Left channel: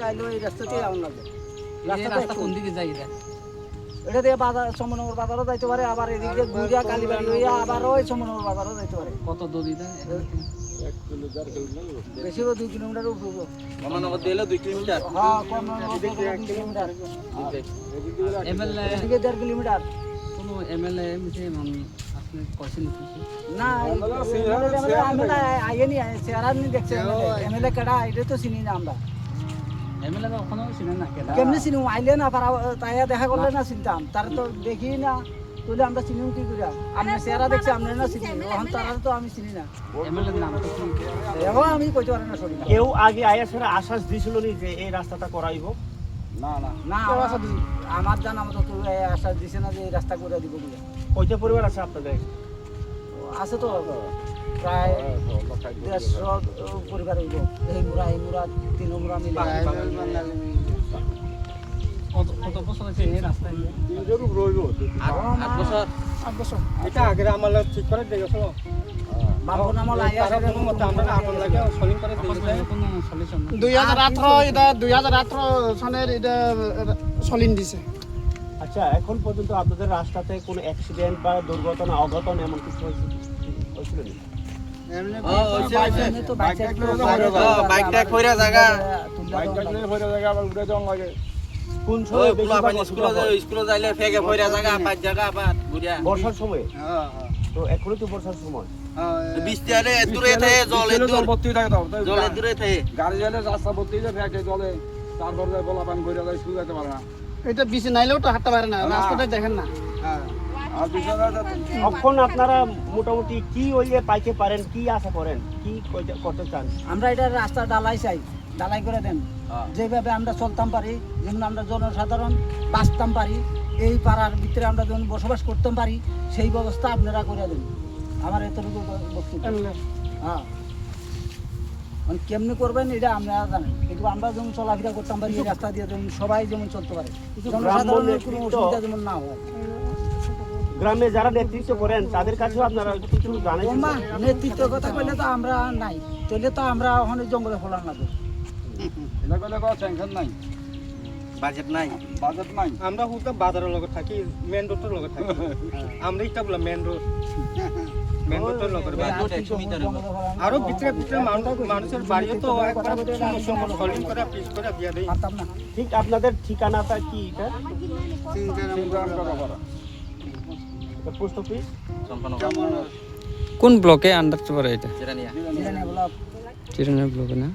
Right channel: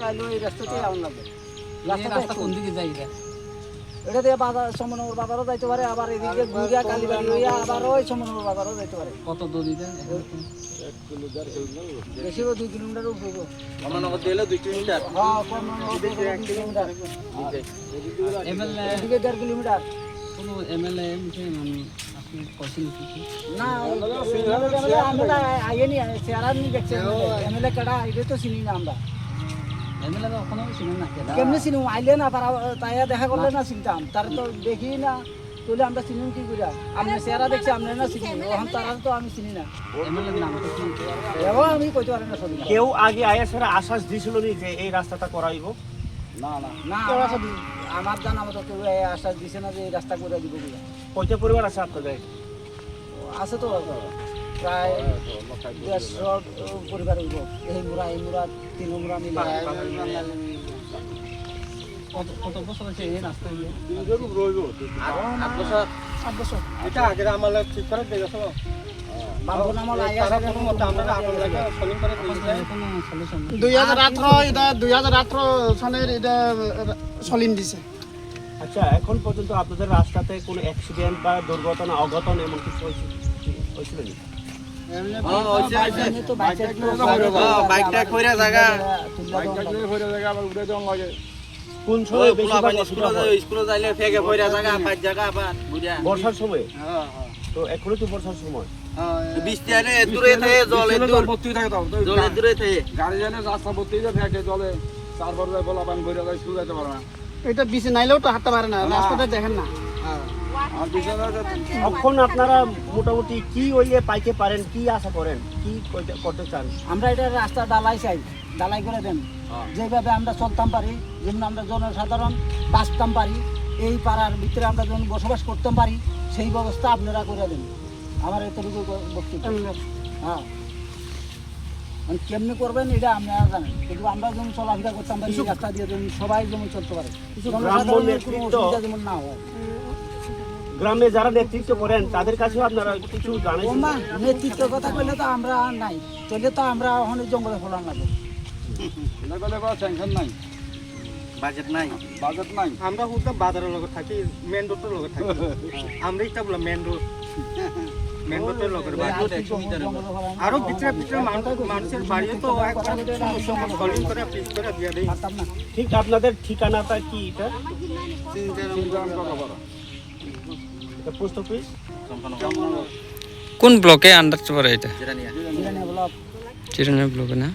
থেকে আইলো এই রাস্তাতে যাওয়ার লাগবে। রাস্তা কোন দিকে যাই এটা? এটা দিয়ে বাজার সমনগর বাজারও যাইতে পারে, আবার এদিকে ঘুরিয়া কালীবাড়ি হইয়া আবার ওই সমনগর বাজারও যাইতে পারে। কত দূর দিতে? 1 কিলো 1.5 কিলোমিটার বেশি 2 কিলোমিটার উপরে। সমনগর দিলে 2 কিলোমিটার। হ্যাঁ সমনগর 2 কিলোমিটার। এমএলএ এদিকে 1.5 কিলোমিটার। কোনো এমএলএ নিচে আপনি কইছেন কি? না আমরা আইনি চেহারা নি দেখছে এমএলএ কাটা এটা তো চিনি না আমরা। এমএলএ কোনো চিনেন না কেন? কেমনে চিনি আইলে না পারা তাই দেখা করলে না চিনতাম, তার তো দেখি না তাহলে আমরা চিনি কি করে? আমরা চেহারা দেখছি আমরা না চিনি, ওখান তারা তো আমি চিনি না। এমএলএ নাম তো কি? এবং আমি কইতে পারি না সরি না। কেউ আগে আয়াসের আশ্বাস দিছিল নি যে এই রাস্তাটা করাইব? না না না আমার জানা মতো কেউ আশ্বাস দিছে না যে এই রাস্তা করে দিব বলে। কয়টা পরিবার আছে আপনাদের? আছে তো প্রায় 150 পরিবার হইব। এই মুরা 3 মুরা মিলে কত বছর আছে এই রাস্তা দিয়ে? 3 রইব। আরো 8 বছর 8 বছর এটা আগে আমার ঠিক করে দেখছো। বাবু নাম লাইয়া তারা কোনো মত আমরা আপনাদের সলিং করে দিয়েছে। কোনো সলিউশন নেই। 2018 সনের এটা সলিন দিছে। আচ্ছা, এখন পর্যন্ত আপনাদের রাস্তাতে কোনো অ্যাক্সিডেন্ট বা দুর্ঘটনা অঘটন এমন কিছু হয়েছিল না? তো বাইকটা কইরা জায়গা বাইকটা বাইকটা কইরা জায়গা আবার উড়ে যাওয়া লাগে। কোন ওই সময় বেশি পোলা পানি স্কুলে যাইলে ফেকে কইরা জায়গা পাঁচ জায়গা আবার ঘুরিয়া বর্ষার সময়? হ্যাঁ তো এখনো তো বর্ষার সময়। বৃষ্টি আইলে দূরে থাকে জলে দূর ভর্তি থাকে দাও জলে দূরে থাকে গাড়ি জানে রাস্তা ভর্তি যায় ফেকে জলে তারপর যায় বলা পান করে যায় শুয়ে যেতে পারে না। এটা বেশি নাইলেও তো হাঁটতে পারে না, রাস্তাটা দেখেন না। আর বিছানা এখন আপনারা মোটামুটি কি ওইয়ে পাইতে পারেন, কি আশা করেন, কি করতে চান? আমরা এটা রাস্তা ডালাই চাই, ডালাই করে দেন। যেভাবে আমরা চলতাম পারি, যেমন আমরা জনসাধারণ বাঁচতাম পারি, এই পাড়ার ভিতরে আমরা যেমন বসবাস করতাম পারি, সেই ব্যবস্থা আপনারা করে দেন। আমার এতটুকু বক্তব্য। হ্যাঁ মানে কেমনি করবেন এটা আমরা জানেন, কিন্তু আমরা যেমন চলাফেরা করতাম পারি সেই রাস্তা দিয়ে যেমন সবাই যেমন চলতে পারে, জনসাধারণের কোনো অসুবিধা যেমন না হয়। গ্রামে যারা নেতৃত্ব করেন তাদের কাছেও আপনারা কিছু জানেন? ওমা নেতৃত্বের কথা কইলে তো আমরা নাই, তাহলে তো আমরা ওখানে জঙ্গলে ফলান লাগবে। এটা কইলে কোনো টেনশন নাই, বাজেট নাই বাজেট নাই। আমরা হুদা বাজারের লগে থাকি, মেন রোডের লগে থাকি। আমরা এটা বলা মেন রোড, মেন রোডের লগে আরো ভিতরে ভিতরে মানুষের বাড়িও তো সলিং করে পিস করে দিয়া দেই। পারতাম না। ঠিক আপনাদের ঠিকানাটা কি? এটা চিন্তা করা পারা পোস্ট অফিস কোন ব্লকে আন্ডার পড়ে এটা? জিরানিয়া জিরানিয়া ব্লক। চিরনিয়া ব্লকে না?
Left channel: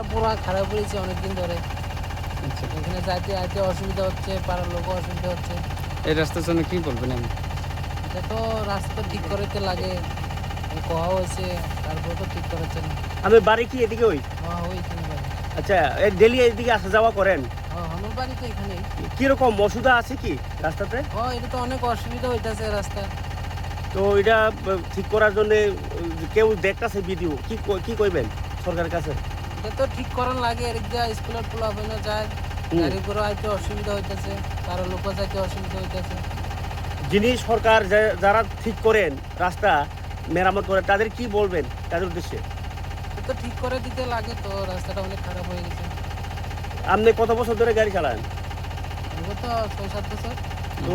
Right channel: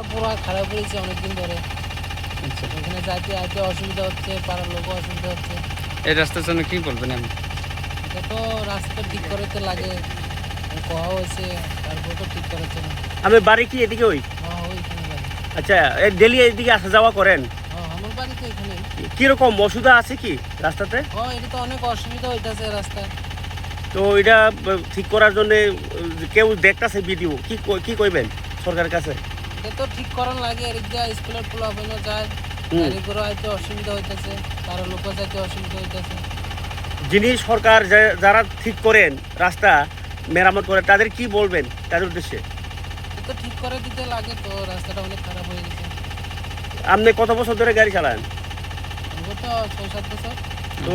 রাস্তাটা পুরো খারাপ হয়েছে অনেকদিন ধরে। আচ্ছা, এখানে যাইতে আইতে অসুবিধা হচ্ছে, পাড়ার লোকও অসুবিধা হচ্ছে। এই রাস্তার জন্য কি বলবেন আপনি? এটা তো রাস্তা ঠিক করতে লাগে, কোয়া হয়েছে, তারপর তো ঠিক করেছে না। আমি বাড়ি কি এদিকে ওই? হ্যাঁ ওইখানে বাড়ি। আচ্ছা, ডেলি এদিকে আসা যাওয়া করেন? হ্যাঁ আমার বাড়ি তো এখানেই। কিরকম অসুবিধা আছে কি রাস্তাতে? হ্যাঁ এটা তো অনেক অসুবিধা হইতেছে রাস্তা। তো এটা ঠিক করার জন্য কেউ দেখতেছে ভিডিও, কি কইবেন সরকারের কাছে? এটা তো ঠিক করার লাগে, এদিক দিয়ে স্কুলের পোলা বইনা যায়, গাড়ি করে হয়তো অসুবিধা হইতেছে, কারো লোক যাইতে অসুবিধা হইতেছে। যিনি সরকার যারা ঠিক করেন রাস্তা মেরামত করে তাদের কি বলবেন তাদের উদ্দেশ্যে? এটা তো ঠিক করে দিতে লাগে, তো রাস্তাটা অনেক খারাপ হয়ে গেছে। আপনি কত বছর ধরে গাড়ি চালান? এবার তো 6-7 বছর। তো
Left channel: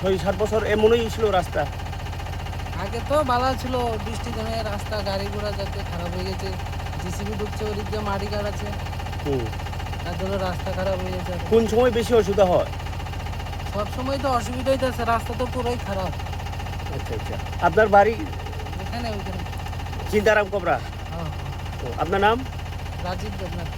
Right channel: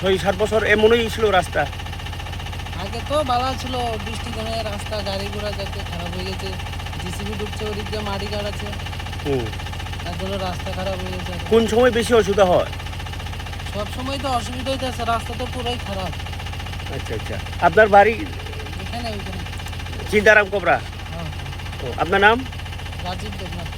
6-7 বছর এমনই ছিল রাস্তা? আগে তো ভালো ছিল, বৃষ্টি দিনে রাস্তা গাড়ি ঘোড়া যাতে খারাপ হয়ে গেছে, জিসিবি ঢুকছে, ওদিক দিয়ে মাটি কাটাচ্ছে, হুম। তার জন্য রাস্তা খারাপ হয়ে গেছে। কোন সময় বেশি অসুবিধা হয়? সব সময় তো অসুবিধা হইতেছে, রাস্তা তো পুরাই খারাপ। আচ্ছা আচ্ছা, আপনার বাড়ি এখানে ওইখানে। চিন্তারাম কোবরা? হ্যাঁ আপনার নাম? রাজীব দেবনাথ।